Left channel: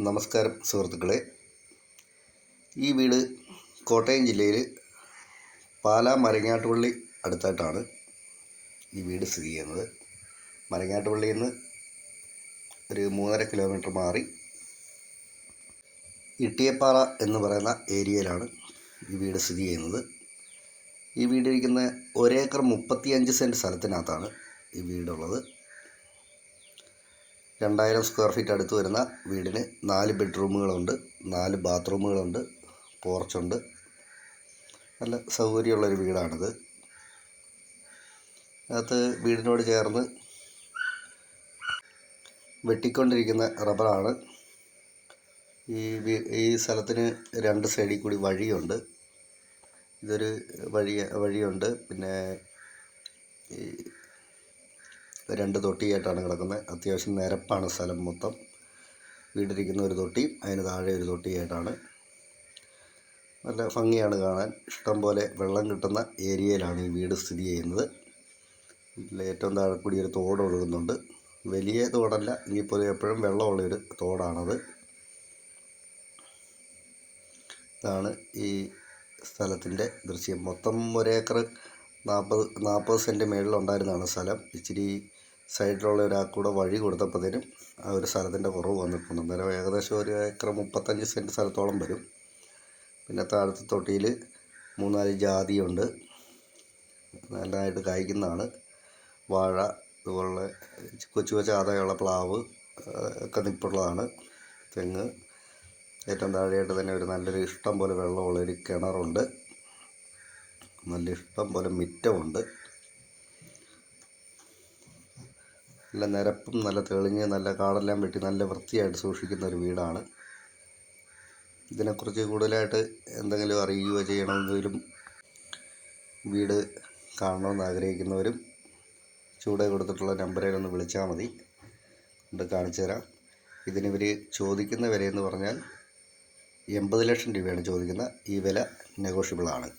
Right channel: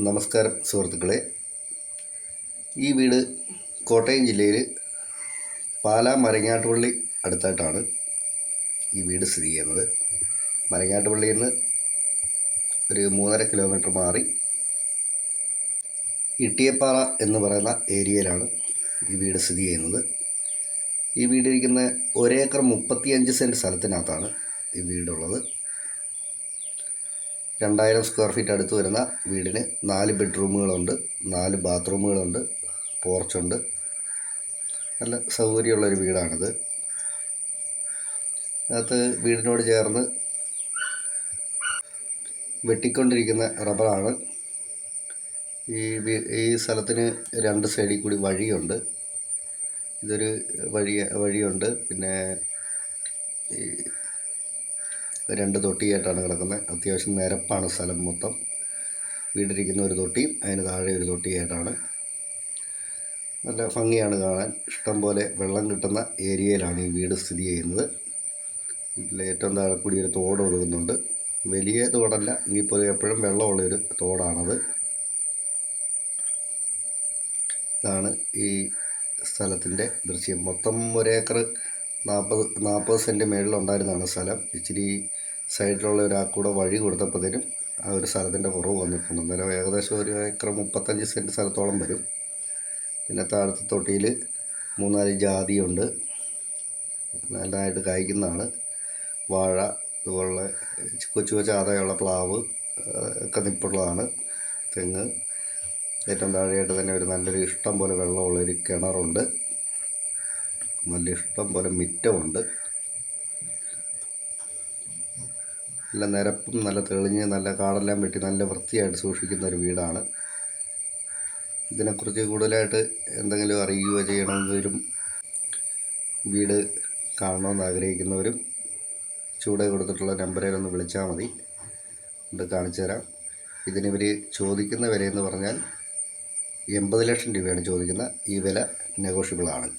നമസ്കാരം സുഹൃത്തുക്കളെ. ഈ വീട് കോട്ടയം ജില്ലയിൽ പാലാ മരങ്ങാട്ടുപള്ളി അടുത്തായിട്ടാണ് ഈ വീട് സ്ഥിതി ചെയ്യുന്നത്. മരങ്ങാട്ടുപള്ളിയിൽ നിന്ന് ഒരു മൂന്നര കിലോമീറ്റർ മാറി ഇട്ടിയപ്പാറ എന്ന് പറയുന്ന ഏരിയയിലാണ് ഈ വീട് സ്ഥിതി ചെയ്യുന്നത്. ഈ വീടിരിക്കുന്ന ഒരേക്കർ മുപ്പത്തിയഞ്ച് സെന്റ് സ്ഥലത്തിനകത്താണ് ഈ വീടുള്ളത്. രണ്ടായിരം സ്ക്വയർ ഫീറ്റ് അടുത്ത് വരുന്ന വീടിന് നാല് ബെഡ്റൂമുകളുണ്ട് നാല് ബാത്റൂമുകളുണ്ട് പോർച്ചുണ്ട് നല്ല സൗകര്യമുള്ളൊരു വീടാണിത്. അകത്ത് വീടിനോട് ചേർന്ന് വെട്ടിക്കൊണ്ടിരിക്കുന്ന റബ്ബറാണ്. ഈ ഈ സ്ഥലത്തിന് രണ്ട് സൈഡിൽ കൂടി വഴിയുണ്ട്. ഇതൊരു വഴി വഴിയുണ്ട്. പിന്നെ ഈ രണ്ട് തൊട്ടിയായിട്ടാണ് കിടക്കുന്നത്. അത്യാവശ്യം നിരപ്പാണ് സ്ഥലം മൊത്തം. വീടിരിക്കുന്ന ഒരു തൊട്ടിയും അതിന് താഴെ ഒരു തൊട്ടിയായിട്ടാണ്. നല്ല ഭംഗിയാണ് കാണാൻ. ഇഷ്ടംപോലെ വെള്ളം കിട്ടുന്ന ഏരിയയിലാണ് ഈ വീട് സ്ഥിതി ചെയ്യുന്നത്. ഇതിൽ ഏറ്റവും താഴെ കൂടി ഒരു തോട് ഒഴുകുന്നുണ്ട്. വലിയ തോടല്ല ഇനിയിപ്പോൾ എപ്പോഴും വെള്ളമുള്ളൊരു തോടാണത്. ഇതാണ് ഈ സ്ഥലത്തിന്റെ ദൃശ്യം. മൊത്തം ഒരേക്കർ നാൽപ്പത് നാൽപ്പത് സെന്റ് മേളിലുണ്ടായിരുന്നതാണ് സ്ഥലം. ഇച്ചിരി സൈഡിലുള്ള ഒരാൾക്കൂടെ വഴി കൊടുത്തപ്പോഴത്തേനും ആ ഒരു സ്ഥലത്തിന്റെ കുറവ് വന്നിട്ടുണ്ട്. അന്നേരം ഏകദേശം ഒരു ഏക്കർ മുപ്പത്തഞ്ച് സെന്റ് സ്ഥലത്തോളം വരും. പിന്നെ താഴത്തെ തൊട്ടിയിൽ മൂന്നാൽ ജാതിയുണ്ട്. നല്ലതായിട്ട് കായ്ക്കുന്നതാണ്. വാഴ ഇതുപോലുള്ള കൊച്ചു കൊച്ചു ആദായമുള്ള പ്ലാവ് ഒക്കെ നിപ്പുള്ളതാണ്. തെങ്ങ് ഏറ്റവും താഴെയായിട്ട് തന്നെ ഒരു നല്ലൊരു ഇഷ്ടം പോലെ വെള്ളമുള്ളൊരു കിണറുണ്ട്. നല്ല ഇഷ്ടം പോലെ മിറ്റമുണ്ട്. നല്ല നിരപ്പും നല്ല തെളിഞ്ഞ് നല്ല കാടെല്ലാം വെട്ടി നല്ല വൃത്തിയായിട്ട് സൂക്ഷിക്കുന്ന ഒരു വീടാണ്. ഇതിനെക്കുറിച്ച് കൂടുതലായിട്ട് എന്തെങ്കിലും അറിയുകയോ ചെയ്യണമെങ്കിലും വീട് കാണണമെന്ന് ആഗ്രഹിക്കുന്നവരും ചൂടെ കൊടുത്തിട്ടുള്ള നമ്പറിൽ ഒന്ന് വിളിച്ചാൽ മതി. കൊണ്ട് കാണിച്ചു തരാം. ഇതിനിവർ ചോദിക്കുന്ന വിലയെന്ന് പറഞ്ഞാൽ എൺപത് ലക്ഷം രൂപയാണ് ചോദിക്കുന്ന ഈ വില നെഗോഷ്യബിളാണ്.